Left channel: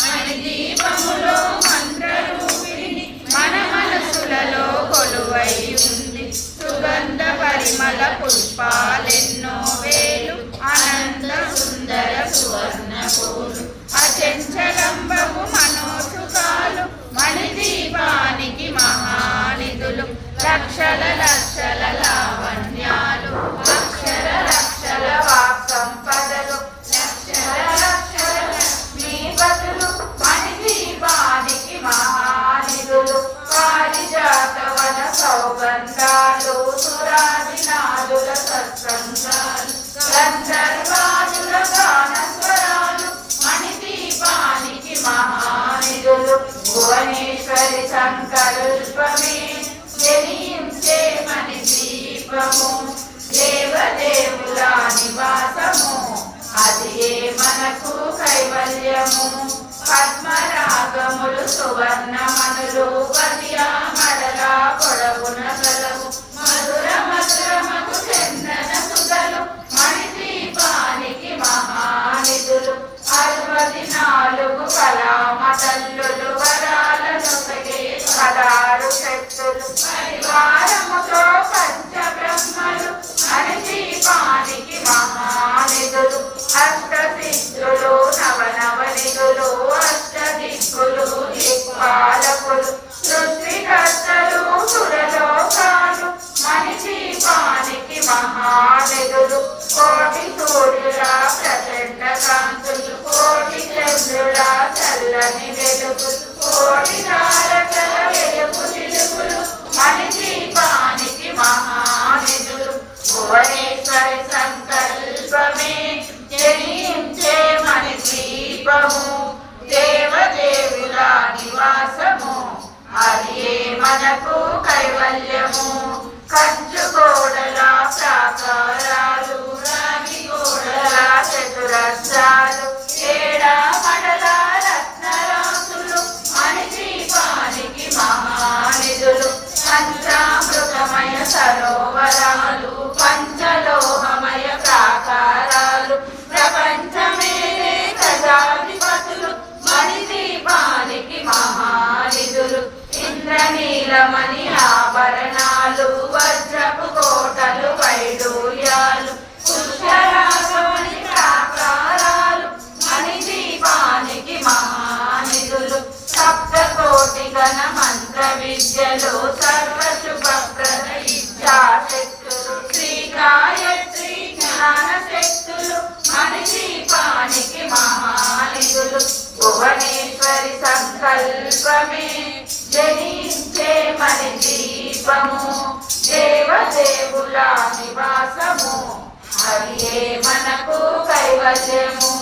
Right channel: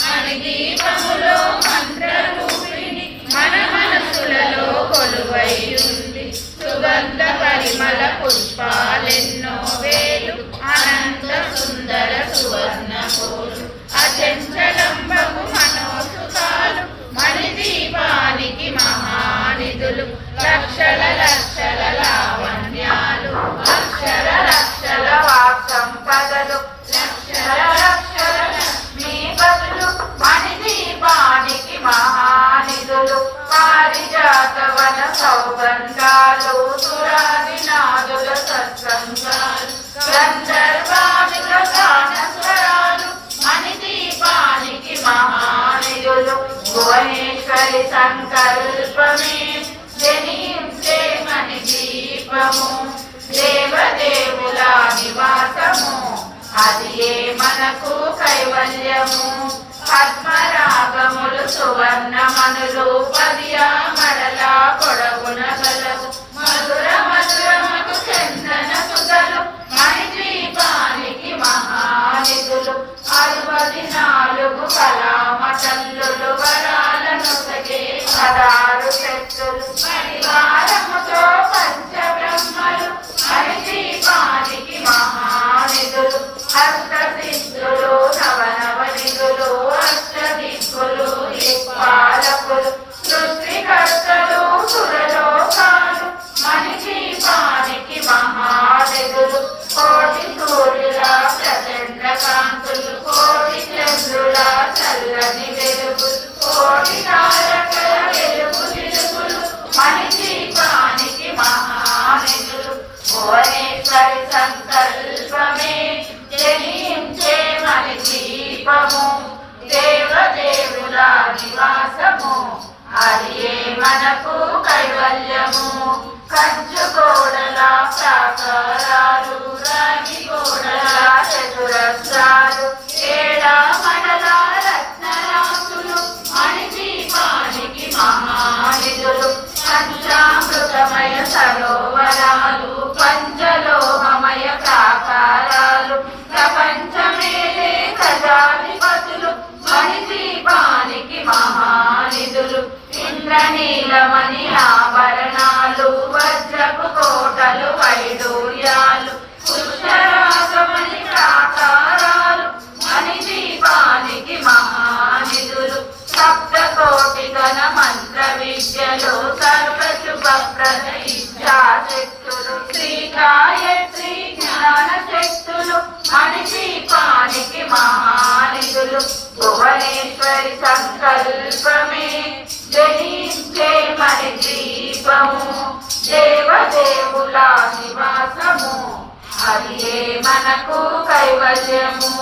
మణిదీపములో మంత్రరూపిణి మన మనసులలో కొలువై ఉంది. సుగంధ పరిమళ పుష్పాలెన్నో వేలు అనంత సుందర సువర్ణ పూలు అచంచలంబము మనోసుతాలు మణిదీపానికి మహానిధులు లక్షల లక్షల లావణ్యాలు అక్షర లక్షల వాక్ సంపదలు లక్షల లక్షల లక్ష్మీ బదులు మణిదీపానికి మహానిధులు పారిజాత వన సౌగంధాలు సురాదినాదుల సత్సంగాలు గంధర్వాదుల గాన స్వరాలు మణిదీపానికి మహానిధులు భువనేశ్వరి సంకల్పమే జనించే మణిదీపము దేవదేవుల నివాసము అది ఏ మనకు కైవల్యము పద్మరాగములు సువర్ణమనులు పదియా మడల పొడవున గలవు మధుర మధురమకు చందన సుధలు మణిదీపానికి మహానిధులు 64 కళామతల్లులు వరాలను సగే 16 శక్తులు పరివారముతో పంచబ్రహ్మలు మణిదీపానికి మహానిధులు అష్టసిద్ధులు నవనవనిధులు అష్టదిక్కులు దిక్పాలకులు సృష్టికర్తలు సురలోకాలు మణిదీపానికి మహానిధులు కోటి సూర్యుల ప్రచండ కాంతులు కోటి చంద్రుల చల్లని వెలుగులు కోటి తారకల వెలుగు చిలుకులు మణిదీపానికి మహానిధులు భువనేశ్వరి సంకల్పమే జనించే మణిదీపము దేవదేవుల నివాసము అది ఏ మనకు కైవల్యము కంచు కోడల ప్రాకారాలు రాగి కోడల చతురస్రాలు ఏడా మండల రత్నరాసులు మణిదీపానికి మహానిధులు పంచామృతమయ సరోవరాలు పంచలోహమయ ప్రాకారాలు ప్రపంచమేలే ప్రజాధిపతులు మణిదీపానికి మహానిధులు ఇంద్రనీలమణి ఆభరణాలు వజ్రపు కోటలు వైడూర్యాలు పుష్కరాగమణి ప్రాకారాలు మణిదీపానికి మహానిధులు సప్తకోటి గణ మంత్ర విద్యలు సర్వశుభప్రద ఇచ్ఛాశక్తులు శ్రీగాయత్రి జ్ఞాన శక్తులు మణిదీపానికి మహానిధులు భువనేశ్వరి సంకల్పమే జనించే మణిదీపము దేవదేవుల నివాసము అది ఏ మనకు కైవల్యము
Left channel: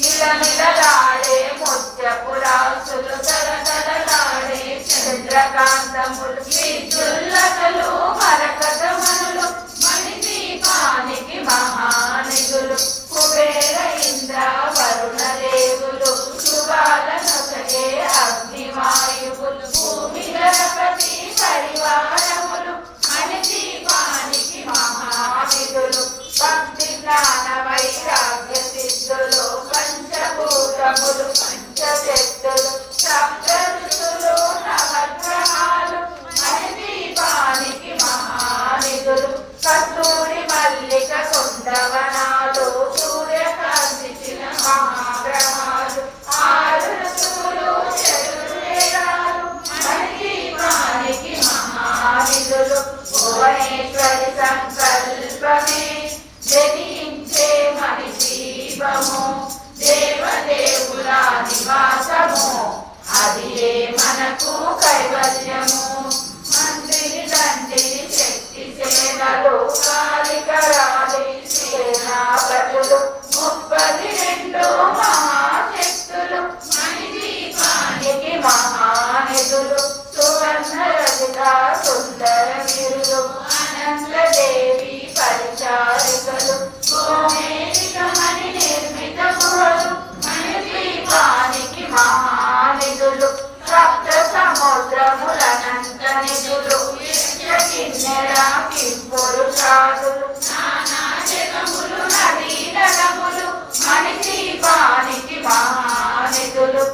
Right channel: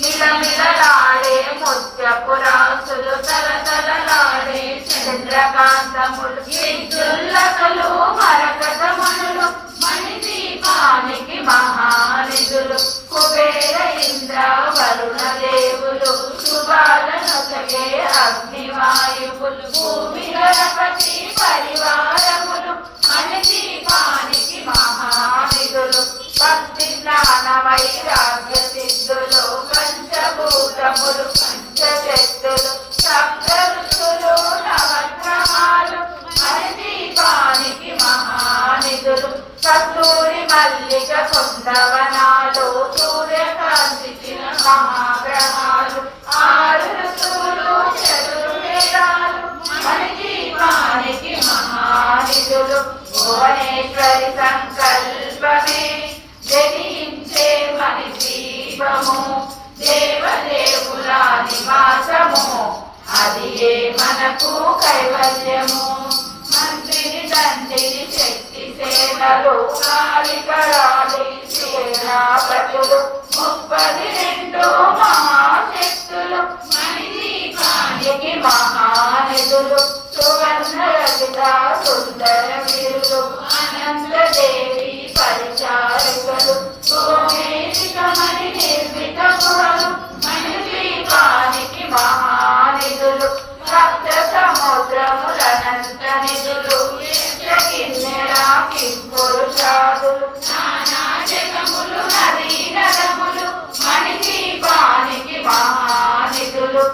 మిలమిలలాడే ముత్యపు రాసులు తలతలలాడే చంద్రకాంతములు విద్యుల్లకలు మరకతమణులు మణిదీపానికి మహానిధులు కుబేర ఇంద్ర వరుణ దేవులు శుభాలనొసగే అగ్నివాయువులు భూమి గణపతి పరివారములు మణిదీపానికి మహానిధులు భక్తి జ్ఞాన వైరాగ్య సిద్ధులు పంచభూతములు పంచశక్తులు సప్త ఋషులు నవగ్రహాలు మణిదీపానికి మహానిధులు కస్తూరి మల్లిక కుందవనాలు సూర్యకాంతిచిన మహాగ్రహాలు 6 ఋతువులు చతుర్వేదాలు మణిదీపానికి మహానిధులు భువనేశ్వరి సంకల్పమే జనించే మణిదీపము దేవదేవుల నివాసము అది ఏ మనకు కైవల్యము మంత్రిని తండ్రిని శక్తి సేనలు కాలికరాలి సేనాపతులు 32 మహాశక్తులు మణిదీపానికి మహానిధులు సువర్ణ రజిత సుందర గిరులు అనంతదేవి పరిచారికలు భూమేదికమణి నిర్మిత గుహలు మణిదీపానికి మహానిధులు సప్త సముద్రములనంత నిధులు కిన్నెర కింపురుషాదులు నానా జగములు నదీ నదములు మణిదీపానికి మహానిధులు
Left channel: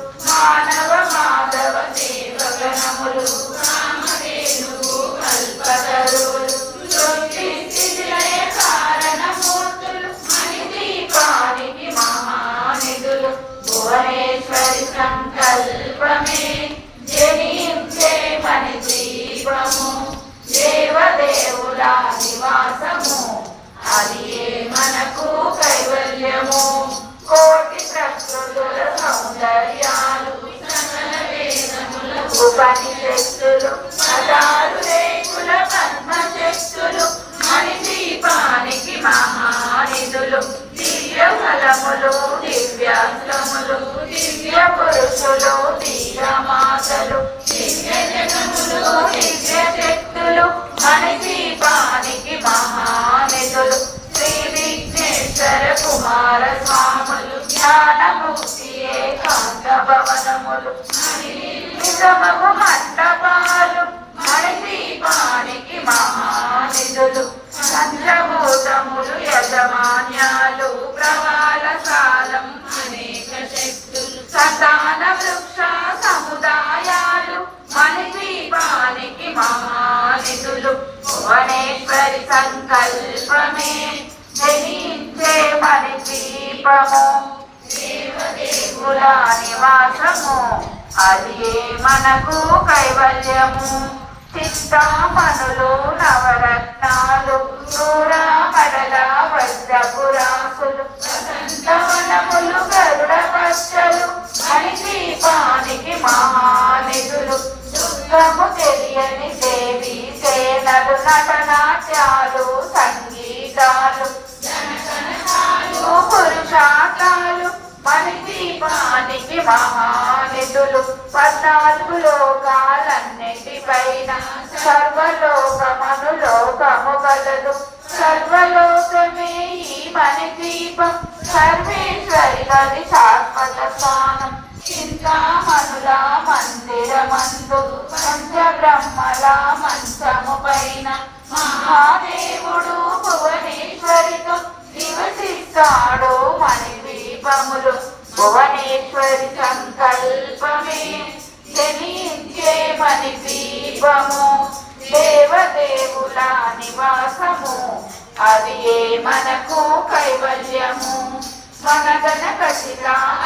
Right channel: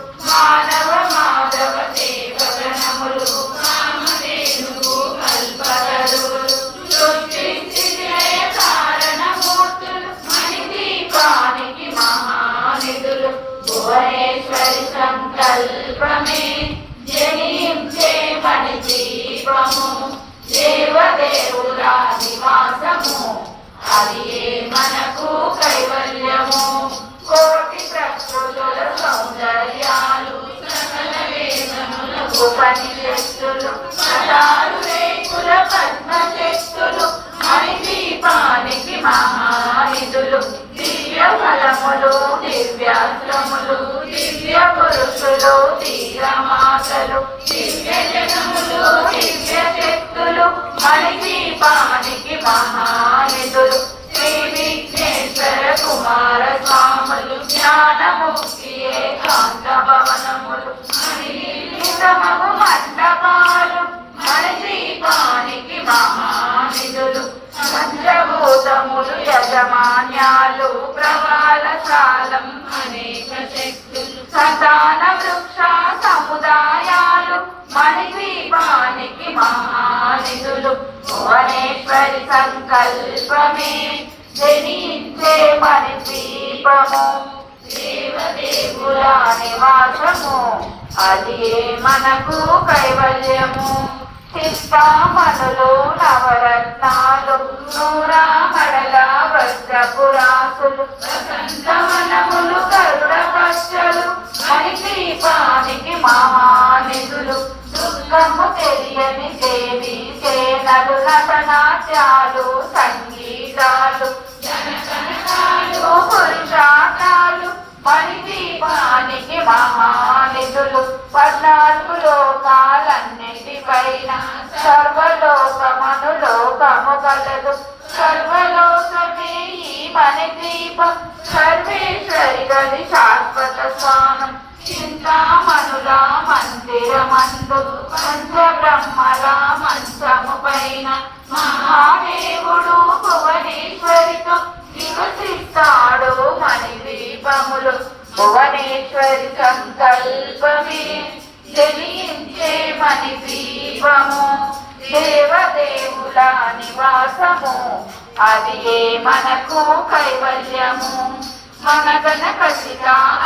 సంకల్పమే జనించే మణి దీపము దేవదేవుల నివాసము అది మనకు కైవల్యము కోటి ప్రకృతుల సౌందర్యాలు సకల వేదముల ఉపనిషత్తులు పదాలు రేకుల పద్మశక్తులు మణి దీపానికి మహానిధులు దివ్య ఫలములు దివ్యాస్త్రములు దివ్య పురుషులు ధీరమాతలు దివ్య జగములు దివ్య శక్తులు మణి దీపానికి మహానిధులు శ్రీ విఘ్నేశ్వర కుమార స్వాములు జ్ఞానముక్తి ఏకాంత భవనములు మణిమగు మండపాలు మణి దీపానికి మహానిధులు పంచభూతములు యజమాన్యాలు ప్రవాళశాలం అనేక శక్తులు సంతాన వృక్ష సముదాయాలు మణి దీపానికి మహానిధులు భువనేశ్వరి సంకల్పమే జనించే మణి దీపము దేవదేవుల నివాసము అది మనకు కైవల్యము చిత్తామణులు నవరత్నాలు నూరామడల వజ్రపురాసులు వసంతవనములు గరుడ పచ్చలు మణి దీపానికి మహానిధులు దుర్గము తెలియని దేవి సేనలు నటనాట్యాలు సంగీతాలు జనగణాలు పురుషార్థాలు మణి దీపానికి మహానిధులు 14 లోకాలన్నిటిపైన సర్వలోకమను లోకము కలదు సర్వలోకమే ఈ మణి దీపం సర్వేశ్వరి గది శాశ్వత స్వానం చింతామణుల మందిరమందు పంచబ్రహ్మల మంచము పైన మహాదేవుడు భువనేశ్వరితో నివసిస్తాడు మణి దీపములు భువనేశ్వరి సంకల్పమే జనించే మణి దీపము దేవదేవుల నివాసము అది మనకు కైవల్యము మనగన కసిత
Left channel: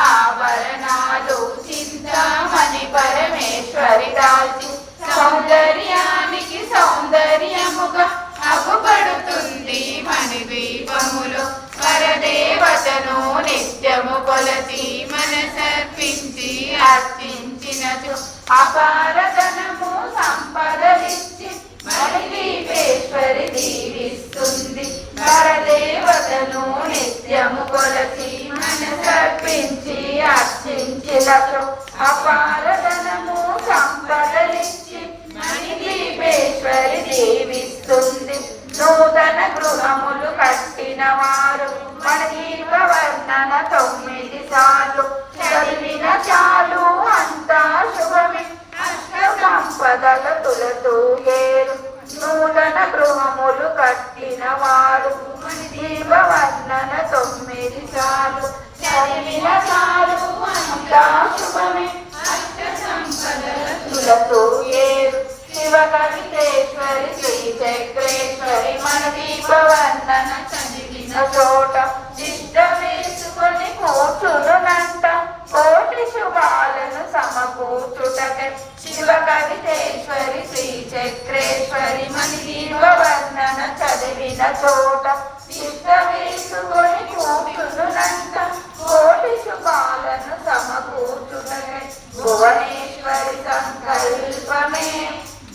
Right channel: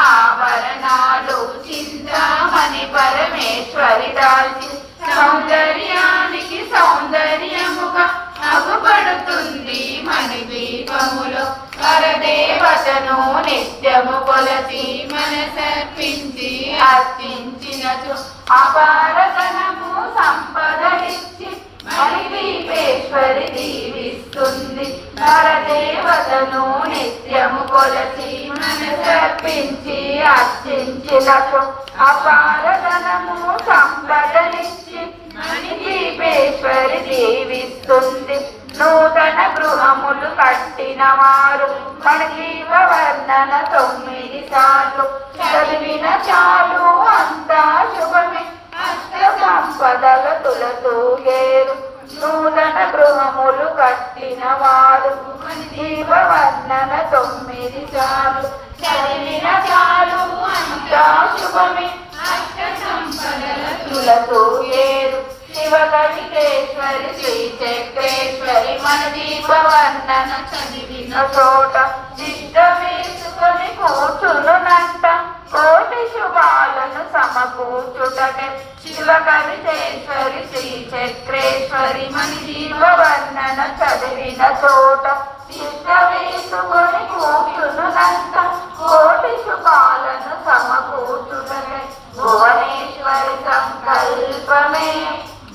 ఆభరణాలు చింతామణి పరమేశ్వరి దాల్చి సౌందర్యానికి సౌందర్యముగా అగుపడుతుంది మణి దీపములు పరదేవతను నిత్యము కొలసి మనసర్పించి అర్చించినచు అపారధనము సంపదలిచ్చి మణి దీపేశ్వరి దీవిస్తుంది పరదేవతను నిత్యము కొలసి మనసర్పించి అర్చించినచు అపారధనము సంపదలిచ్చి మణి దీపేశ్వరి దీవిస్తుంది నూతన గృహములు కట్టిన వారు మణి దీప వర్ణన 9 సార్లు చదివిన చాలు అంతా శుభమే అష్ట సంపదల తులతూగేరు నూతన గృహములు కట్టిన వారు మణి దీప వర్ణన 9 సార్లు చదివిన చాలు అంతా శుభమే అష్ట సంపదల తులతూగేరు శివకవితేశ్వరి శ్రీ చక్రేశ్వరి మణి దీప వర్ణన చదివిన చోట చిట్ట వేసుకొని కూర్చునునంట కోటి శుభాలను సమకూర్చుటకై శివకవితేశ్వరి శ్రీ చక్రేశ్వరి మణి దీప వర్ణన చదివిన చోట చిట్ట వేసుకొని కూర్చునునంట కోటి శుభాలను సమకూర్చుటకై భువనేశ్వరి సంకల్పమే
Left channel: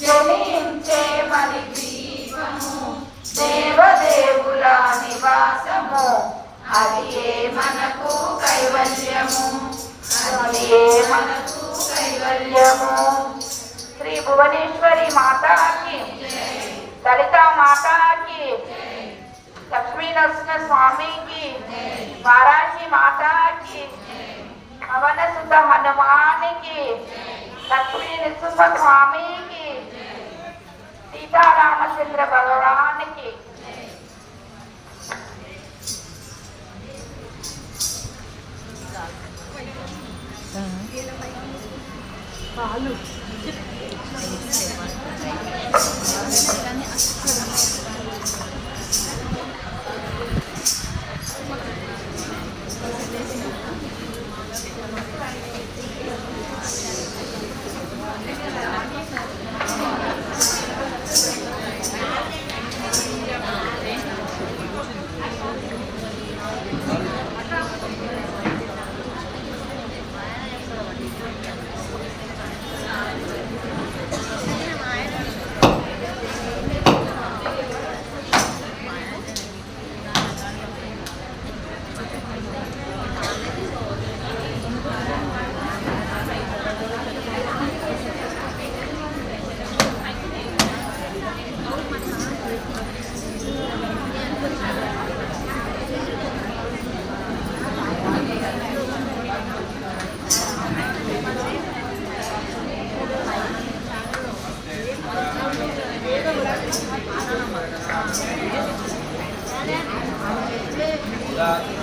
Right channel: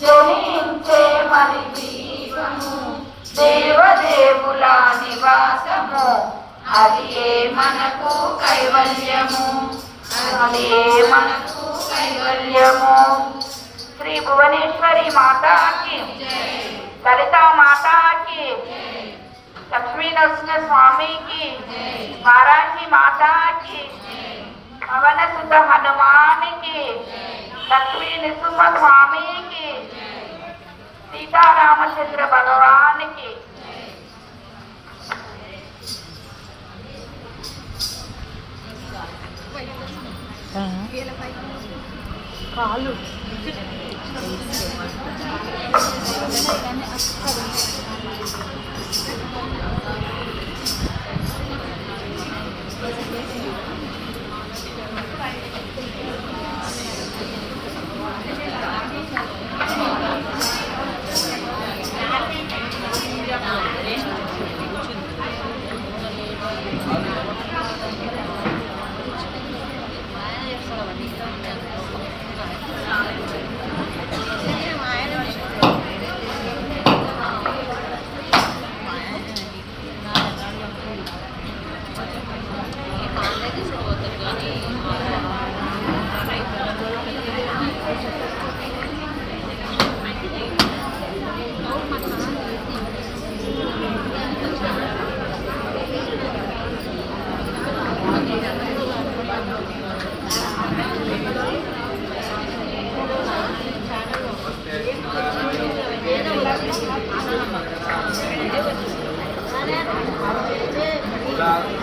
జనించే మణి దీపము దేవదేవుల నివాసము అది మనకు కైవల్యము అది మనకు కైవల్యము శ్రీ భువనేశ్వరి మాతాకి లలితా మాతాకి లక్ష్మీ నరసింహ స్వామికి వారాహి మాతాకి పవన సుత హనుమానికి లక్ష్మీ నృసింహ స్వామికి సీతారామచంద్ర భగవానికి కాలు Udah.